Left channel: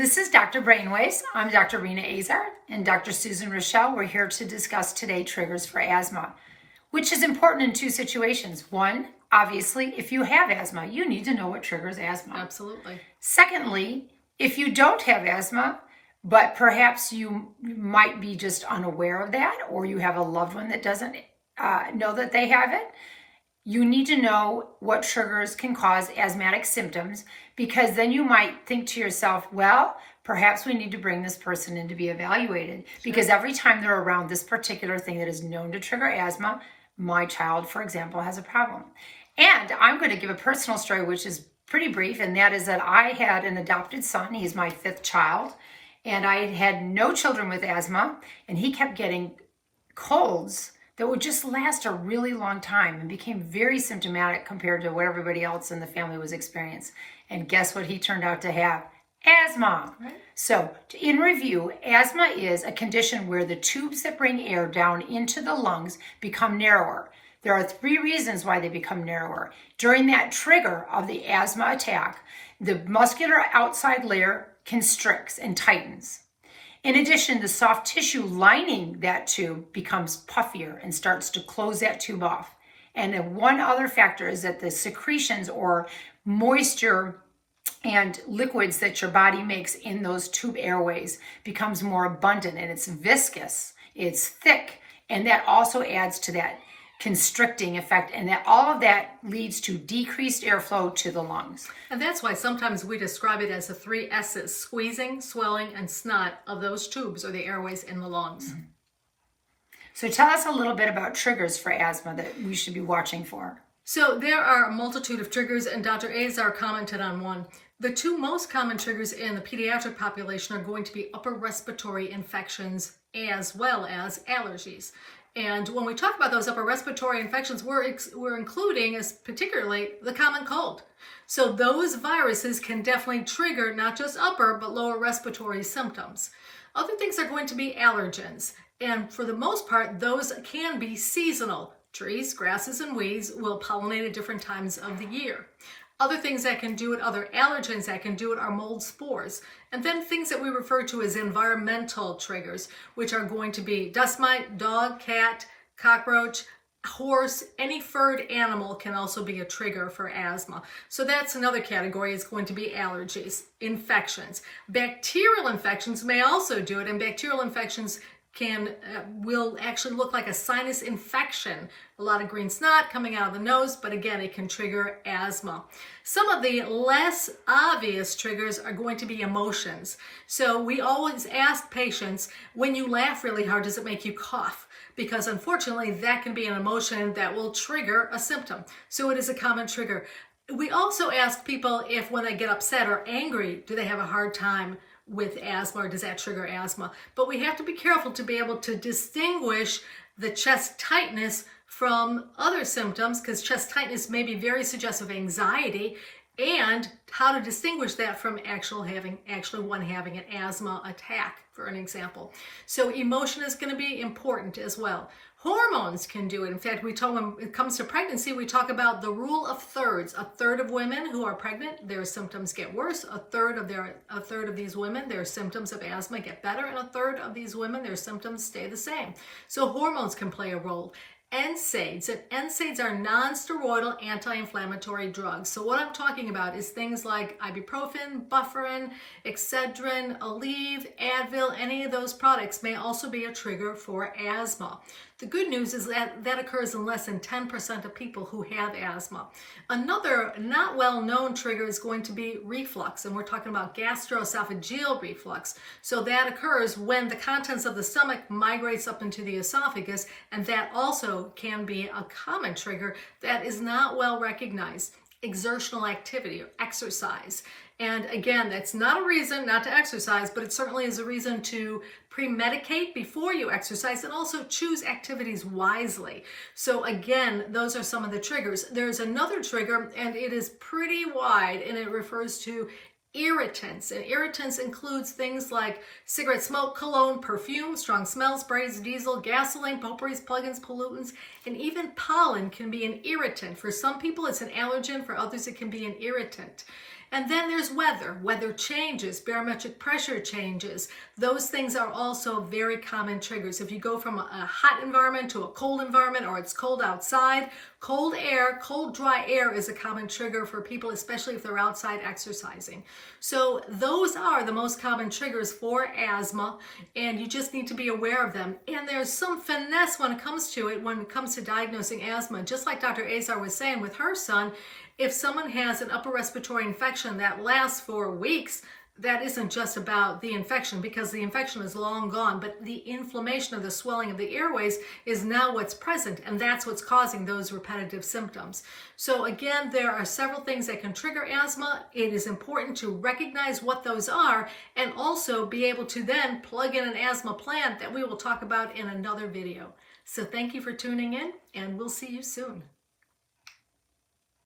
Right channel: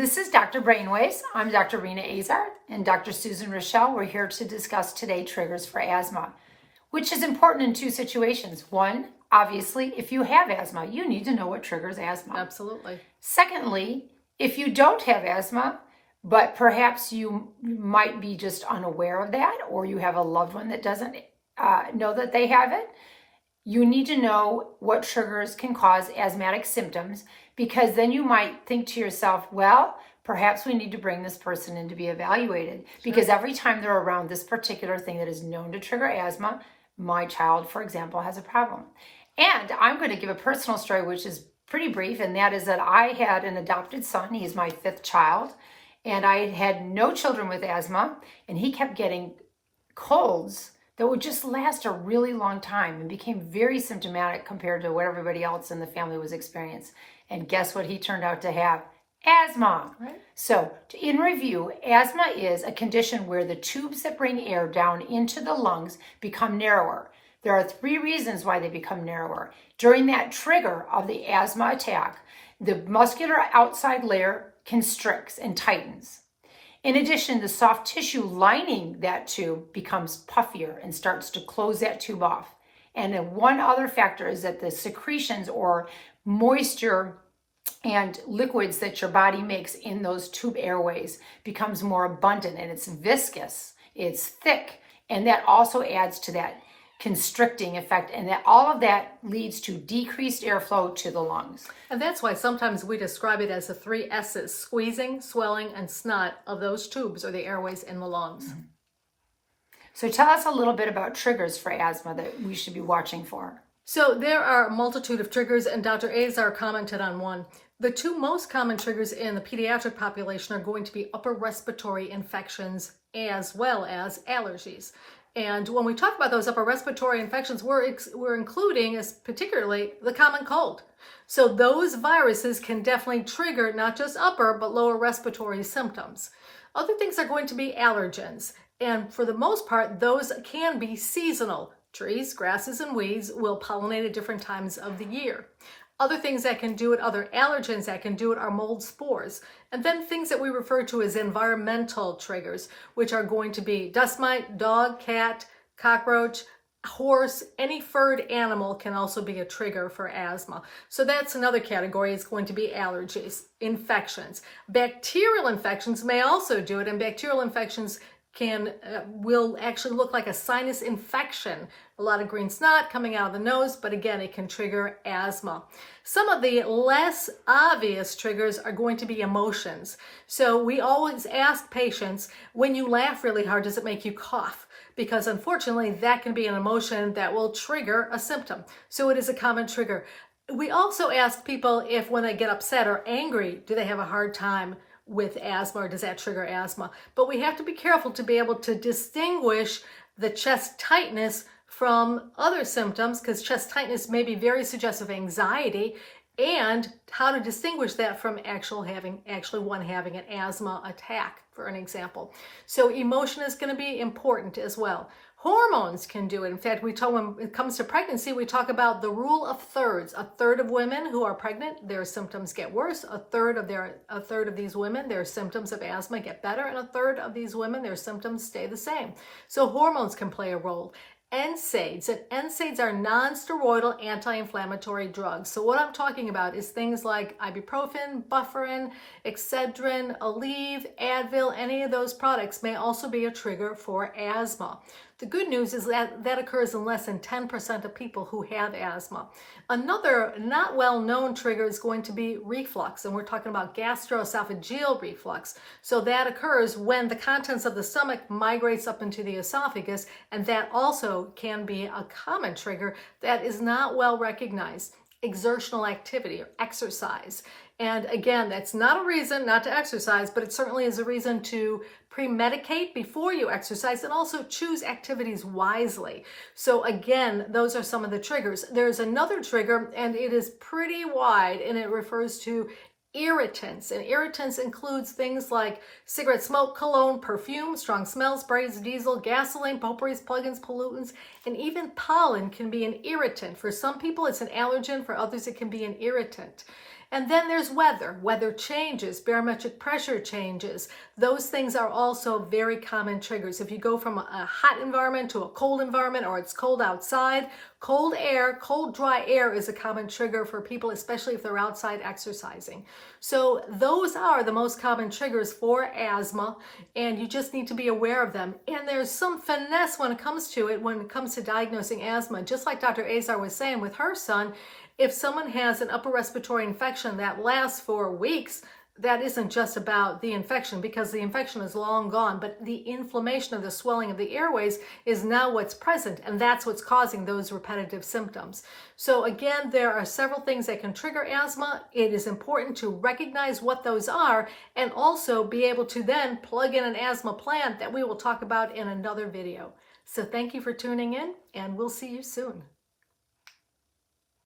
This is Dr. Brainwaves. I'm Dr. Rena Azar and Dr. Susan Raschal. We're here to discuss today triggers for asthma, which is important in two situations. One, obviously, if you have asthma, you need to know what triggers asthma. Absolutely. Secondly, if you don't have asthma, but perhaps you might be just unaware of that, or you have a loved one that doesn't know that they have it, you need to know what triggers can cause asthmatic symptoms, because then you might think to yourself, well, perhaps we need to bring this person in to be evaluated, because every time they're around this particular thing that is known to trigger asthma, my child, for example, has a problem. And I'm going to give a personal story, which is pretty brief, and that is that I had an adopted son. He's my fifth child, and I had no children with asthma, and he kept getting colds that would just last a really long time and became very symptomatic compared to what everybody else in the family was experiencing. And guess what he turned out to have? Asthma. Right. So in review, asthma is a condition where the tubes that bring air down into the lungs become narrower. There are three reasons why they become narrower. During that trigger of the asthma attack, the muscular outside layer constricts and tightens. In addition, the soft tissue lining that tube becomes puffier and starts to close that tube off. And then one other factor is that the secretions or moisture and liquids that your body makes in those tube airways becomes more abundant, and it's viscous, it's thick, and that also adds to that constricting effect, and that all of that leads to decreased airflow to the lungs. And that's why sometimes we describe it as the three S's: squeezing, swelling, and snot of those tubes or the airways in the lungs. Mm-hmm. So tell us a little bit about triggers for asthma that we should be watching for. So there are a multitude of triggers, and Dr. Azar commented on one. The two most common triggers in the pediatric population are going to be upper respiratory infections as well as allergies. And when we talk about those upper respiratory infections, we're including as particularly the common cold. So those viruses can definitely trigger not just upper, but lower respiratory symptoms. Other things are going to be allergens. And for the most part, those can be seasonal. Trees, grasses, and weeds will pollinate at different times of the year. Other things that can do it, other allergens that can do it, are mold spores. And then things that we refer to as environmental triggers, which are going to be dust mite, dog, cat, cockroach, horse, any furred animal can also be a trigger for asthma. So that's another category. It's going to be allergies, infections. Bacterial infections may also do it, and bacterial infections will actually look like a sinus infection. A lot of green snot coming out of the nose, but again, it can trigger asthma. Some of the less obvious triggers are going to be emotions. So we always ask patients, when you laugh really hard, does it make you cough? Because unfortunately, that can be an emotion that will trigger a symptom. So it is a common trigger. We also ask people if when they get upset or angry, do they have a hard time with asthma, or does that trigger asthma? But we have to be careful to be able to distinguish the chest tightness from other symptoms, because chest tightness may be very suggestive of anxiety, and how to distinguish that from actually one having an asthma attack, for an example. So emotion is going to be important as well. Hormones can do it. In fact, when it comes to pregnancy, we talk about the rule of thirds. A third of women who are pregnant, their symptoms get worse. A third of these women, their symptoms of asthma get better, and a third of these women, their symptoms stay the same. So hormones can play a role. NSAIDs, and NSAIDs are non-steroidal anti-inflammatory drugs. So what I'm talking about is things like ibuprofen, Bufferin, Excedrin, Aleve, Advil. Any of those products may also be a trigger for asthma. The good news is that that occurs in less than 10% of people who have asthma. Another not well-known trigger is going to be reflux, and we're talking about gastroesophageal reflux. So that occurs when the contents of the stomach migrates up into the esophagus, and that also can be a common trigger that is not well recognized. Exertional activity or exercise. And again, that's not a reason not to exercise, but it certainly is a reason to pre-medicate before you exercise, and also choose activities wisely. So again, those are some of the triggers. There's another trigger, and it is pretty wide, and it refers to irritants. And irritants includes things like cigarette smoke, cologne, perfume, strong smells, sprays, diesel, gasoline, potpourris, plugins, pollutants, and even pollen can be an irritant. For some people, it's an allergen. For others, it can be an irritant. And then there's weather changes, barometric pressure changes. Those things are also very common triggers. If you go from a hot environment to a cold environment, or it's cold outside, cold air, cold dry air is a common trigger for people, especially if they're outside exercising. So those are the most common triggers for asthma, and you just need to be aware of them. And there's some finesse when it comes to diagnosing asthma. Just like Dr. Azar was saying with her son, if someone has an upper respiratory infection that lasts for weeks, that isn't just about the infection, because the infection is long gone, but the inflammation of the swelling of the airways is now what's present, and that's what's causing those repetitive symptoms. So again, there are several things that can trigger asthma. It is important to recognize what those are and also be able to then plug in an asthma plan that we will talk about in another video. So thank you for tuning in, and we'll see you soon.